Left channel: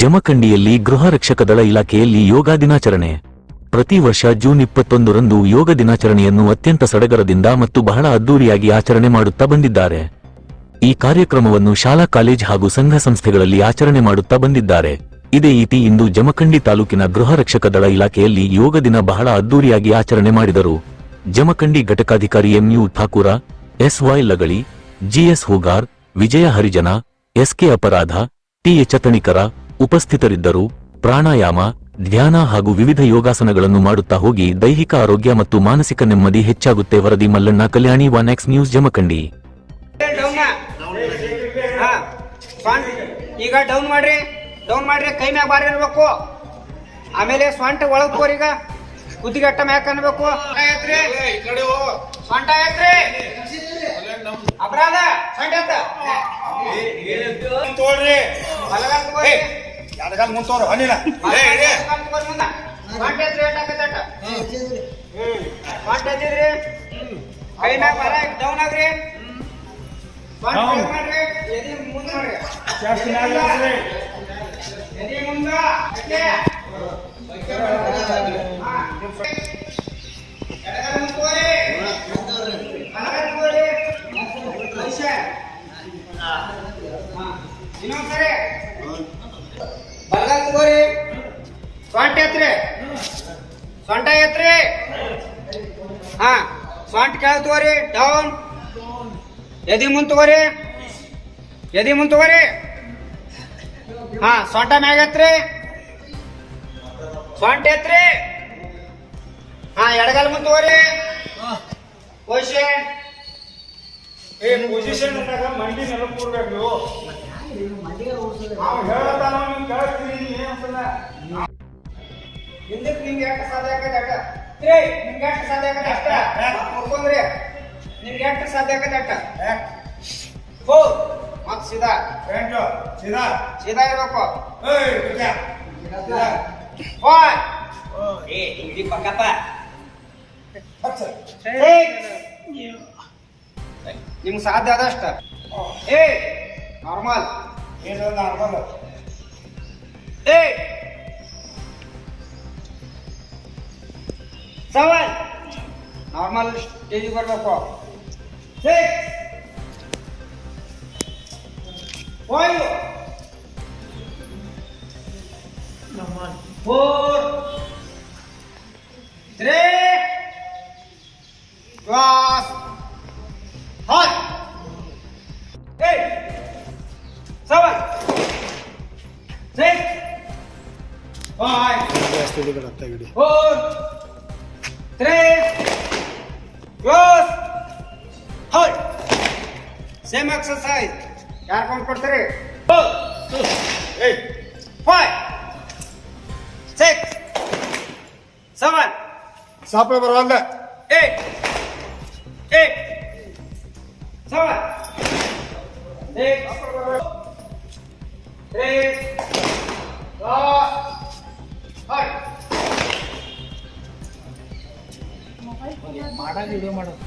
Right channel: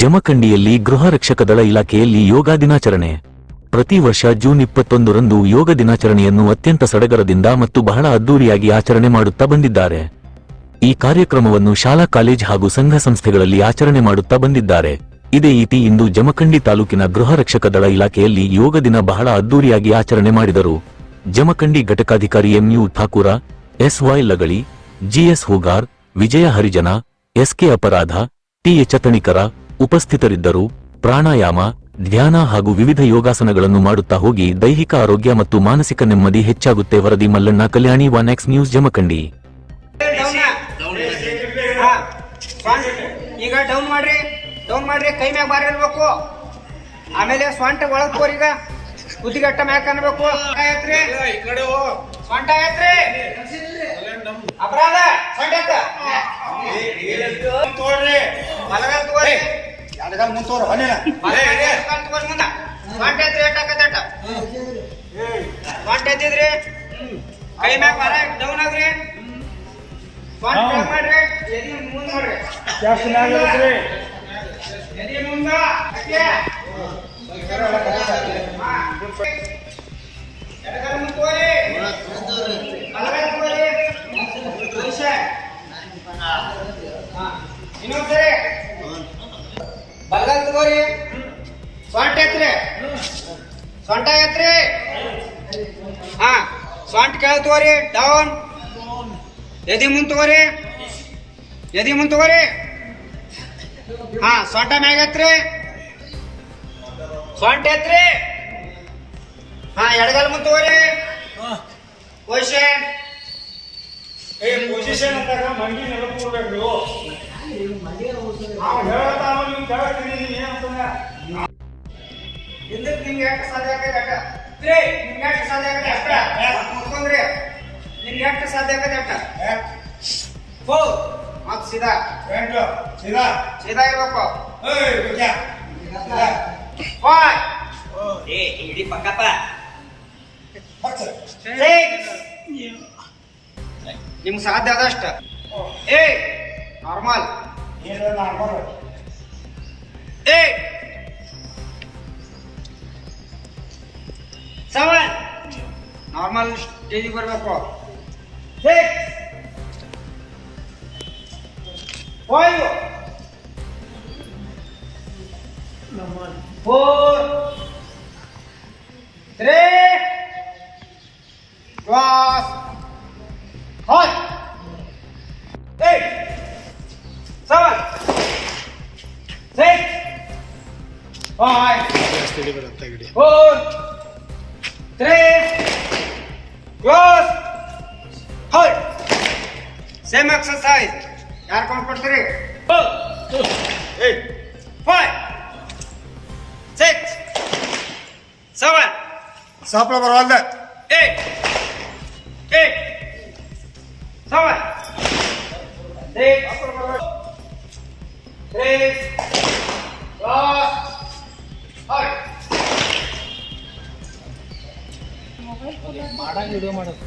ಜಮಖಂಡಿಯಲ್ಲಿ ಗೃಹ ರಕ್ಷಕ ದಳ ಇಲಾಖೆಯಲ್ಲಿ ಯೋಗ ದಿನಾಚರಣೆ. ಪ್ರತಿ ವರ್ಷ ಜೂನ್ 21ರಂದು ಯೋಗ ದಿನಾಚರಣೆಯನ್ನು ಅತ್ಯಂತ ಸಡಗರದಿಂದ ಮತ್ತು ಬಹಳ ಅದ್ದೂರಿಯಾಗಿ ಆಚರಣೆ ಮಾಡುತ್ತಾ ಬಂದಿದ್ದಾರೆ. ಈ ಕಾರ್ಯಕ್ರಮವನ್ನು ಶಾಲಾ ಕಾಲೇಜ್ ಹಾಗೂ ಸಂಘ ಸಂಸ್ಥೆಗಳಲ್ಲಿ ಆಚರಣೆ ಮಾಡುತ್ತಾ ಬಂದಿದ್ದಾರೆ. ಇದೇ ರೀತಿ ಇಂದು ಜಮಖಂಡಿ ತಾಲೂಕಿನ ಗೃಹ ರಕ್ಷಕ ದಳ ಇಲಾಖೆಯಲ್ಲಿ ಯೋಗ ದಿನ ಬಹಳ ಅದ್ದೂರಿಯಾಗಿ ಆಚರಣೆ ಮಾಡಿದರು. ಜಮಖಂಡಿ ಘಟಕಾಧಿಕಾರಿ MU Thakur, SY Lagali, GS Hugar, Vijaya Harijan, SK ಅಪರಾಧ, ಟಿಎಚ್ ತಣಿಕರ ಉಪಸ್ಥಿತರಿದ್ದರು. ಪ್ರಾಣಾಯಾಮ, ಧ್ಯಾನ ಹಾಗೂ ವಿವಿಧ ಯೋಗಾಸನಗಳನ್ನು ಮಾಡುತ್ತಾ ಹೋಗಿ ದೈಹಿಕ ಆರೋಗ್ಯ ಮತ್ತು ಮಾನಸಿಕ ನೆಮ್ಮದಿ ಹೆಚ್ಚಾಗುತ್ತೆ. ವರದಿ ಮಲ್ಲಣ್ಣ ಕಲ್ಯಾಣಿ, 1X ನ್ಯೂಸ್, ಜಮಖಂಡಿ. ಈಗ ಡೌನ್ ಮಾಡ್ರಿ ಕೈ ಮ್ಯಾಗ ಬಾರಿ ಇರ್ಬೇಕು. ಆಮೇಲೆ ಸ್ವಂಟ ಒಳಗ್ ಹೋರಿ. ಈಗ ಕುದಿಗಟ್ಟ ಮ್ಯಾಕ್ ಅನ್ಬೇಕು. ಸ್ವಂಟ ಐತ್ರಿ ಅಪರಾಧ ತೋಳ್ರಿ ಕೈ ಮ್ಯಾಗ ಬಾರ ಡೌನ್ ಆಗ್ರಿ. ಮಾಡ್ರಿ ಎದಿ ಮುಂದ್ ಮಾಡ್ರಿ. ಎದಿ ಮುಂದ ಇನ್ನೊಂದ್ಸರಿ ಬಲಗಾಲ್ ತಗೋರಿ. ಸೊಂಟ ಎತ್ರಿ, ಸೊಂಟ ಎತ್ರಿ. ಹಾ, ಸೊಂಟ ಕೆಳ ತಗೋರಿ. ಡೌನ್. ಎದಿ ಮುಂದ್ ತಗೋರಿ, ಎದಿ ಮುಂದ್ ತಗೋರಿ. ಹಾ, ಸೊಂಟ ಮ್ಯಾಗ ಎತ್ರಿ, ಸೊಂಟ ಎತ್ರಿ. ಹಾ, ಎಡಗಾಲ್ ಮುಂದ್ ತಗೋರಿ. ಪೊಸಿಷನ್ ಅಂತ ಮಂಡಿ ನೆಲ ಕೂರ್ಬೇಕ್ರಿ. ನಾವು ಹೇಳತಾವ ನಿಮ್ ಕೇಳಿಸ್ತೀನಿ. ನೀವ್ ಏನಂತಾನ ಹಿಂದಕ್ಕೆ ನಿಮ್ಗೆ ಎಷ್ಟು ಸಾಧ್ಯ ಆಕೈತೆ ಅಟ್ಟ. ನಿಮ್ಗೆ ಎಷ್ಟು ಸಾಧ್ಯ ಆಕೈತೆ ಅಷ್ಟ ಮುಟ್ಕೊಂಡ್ರಿ. ನಿಮ್ಗೆ ಎಷ್ಟು ಸಾಧ್ಯ ಆಕೈತೆ ಅಟ್ಟ. ಮತ್ ಸೀದಾ ಸೀದಾ ಸೀದಾ ಇರ್ಬೇಕು. ಹಿಡಿ ಪಕ್ಕಪ್ಪ. ನಿಮ್ಗೆ ಸಾಧ್ಯ ಆದಷ್ಟ. ನಾರ್ಮಲ್. ಸೆವೆನ್ ನಾರ್ಮಲ್ ಸ್ಟೇಜಿಗೆ ಬರ್ಬೇಕು. 6 5 4 3 2 1 8 7 6 5 4 3 2 ಸೇಮ್ ಎಕ್ಸರ್ಸೈಸ್. ಯಾರು ಕೌಂಟ್ ಕೊಡ್ತೀರಿ? 8 5 6 7 ಸಾಪ್ಲ ಬರವಲ್ದೆ. 8 7 6 3 2 1 ಮಾಡಾಗ ವಿಡಿಯೋ ಮಾಡೋದು.